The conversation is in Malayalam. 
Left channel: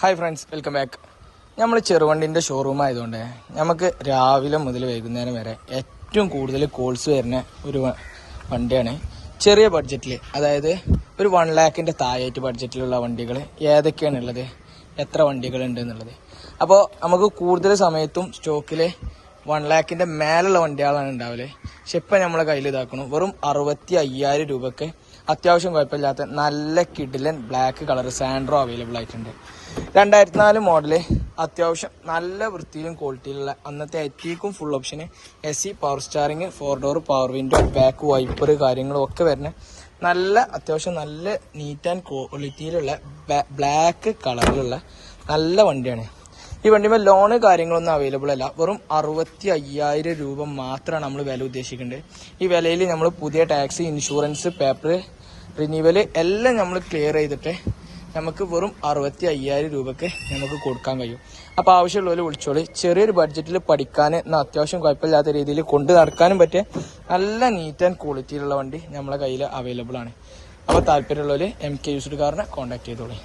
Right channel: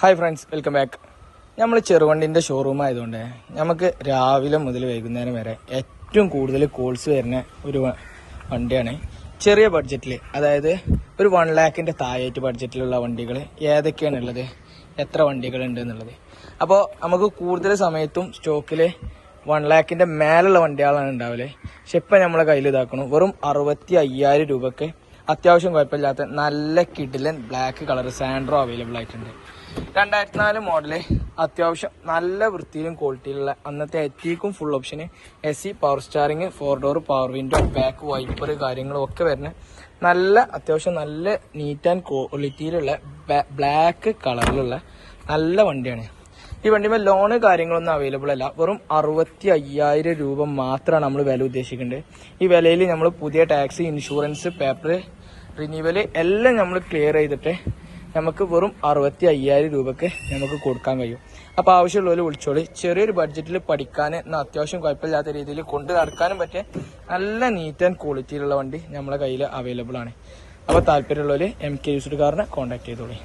Hi friends, welcome back. നമ്മൾ ചെറുവണ്ടിൻ്റെ ഷോറൂം ആയതുകൊണ്ട് നമുക്ക് രാവിലെ മുതൽ വൈകുന്നേരം വരെ ഏറ്റവും കൂടുതൽ കോൾസ് വരുന്ന ഒരു വണ്ടിയാണ്. ചെറിയ ബഡ്ജറ്റിൽ, അതായത് ഒരു 1 lakhിൻ്റെ താഴേറ്റ് ബഡ്ജറ്റിലുള്ള വണ്ടികൾ ഏതൊക്കെയാണുള്ളത്, എത്ര വണ്ടികളുണ്ട് എന്നുള്ളത്. അപ്പോൾ നമുക്ക് കൂടുതൽ സമയത്തും സ്റ്റോക്കിൽ 1 lakhിൻ്റെ മേലുള്ള വണ്ടികളാണ് ഉണ്ടാവില്ലേ. പക്ഷെ ഇപ്പം നമ്മളെ കയ്യിൽ ഇതാക്കണം വെറും 65,000 രൂപയ്ക്ക് അത്യാവശ്യം കുഴപ്പമില്ലാത്ത നല്ല കിഡിലൻ ബ്ലാക്ക് കളർ സാൻഡ്രോ അവൈലബിൾ ആയിട്ടുണ്ട്. 2004 മോഡല്, അത്യാവശ്യം നല്ല വൃത്തിയിലും ക്വാളിറ്റിയിലുള്ള അന്നത്തെ എറ്റിക്കും ഫുൾ ഓപ്ഷന്, AC, power steering, 4 door power window, back wiper കാര്യങ്ങളും ഒക്കെ വരുന്ന നല്ല അത്യാവശ്യം നല്ല നീറ്റ് ആൻഡ് ക്വാളിറ്റിയിലുള്ള ബ്ലാക്ക് കളറിലുള്ള നല്ല വണ്ടിയാണ്. ഈ വണ്ടിമേൽ ലോണ് കാര്യങ്ങളൊന്നും അവൈലബിൾ അല്ല. വെറും 65,000 രൂപ മാത്രമാണ് നമ്മൾ വില ഉദ്ദേശിക്കേണ്ടത്. ഈ വിലയിൽ നമ്മൾ പുതിയ ടാക്സ്, ഇൻഷുറൻസ്, പേപ്പർ റിന്യൂവൽ എല്ലാം നമ്മൾ ക്ലിയർ ചെയ്തിട്ട് നമുക്ക് വെറും 65,000 രൂപയ്ക്ക് നമുക്ക് കൊടുക്കാൻ കഴിയും. അപ്പോൾ ആവശ്യമുള്ളവർ വിളിച്ചോളി. ചെറിയൊരു ബഡ്ജറ്റിൽ പഠിക്കാൻ അത്യാവശ്യം കുഴപ്പമില്ലാത്ത രീതിയിൽ കൊണ്ട് നടക്കാനും പറ്റിയ നല്ല നീറ്റ് ആൻഡ് ക്വാളിറ്റിയിലുള്ള വണ്ടി നമ്മളെ കയ്യിൽ അവൈലബിൾ ആണ്. അപ്പോൾ താല്പര്യമുള്ളവർ MK യൂസ്ഡ് കാറിനെ കോൺടാക്ട് ചെയ്തോളൂ.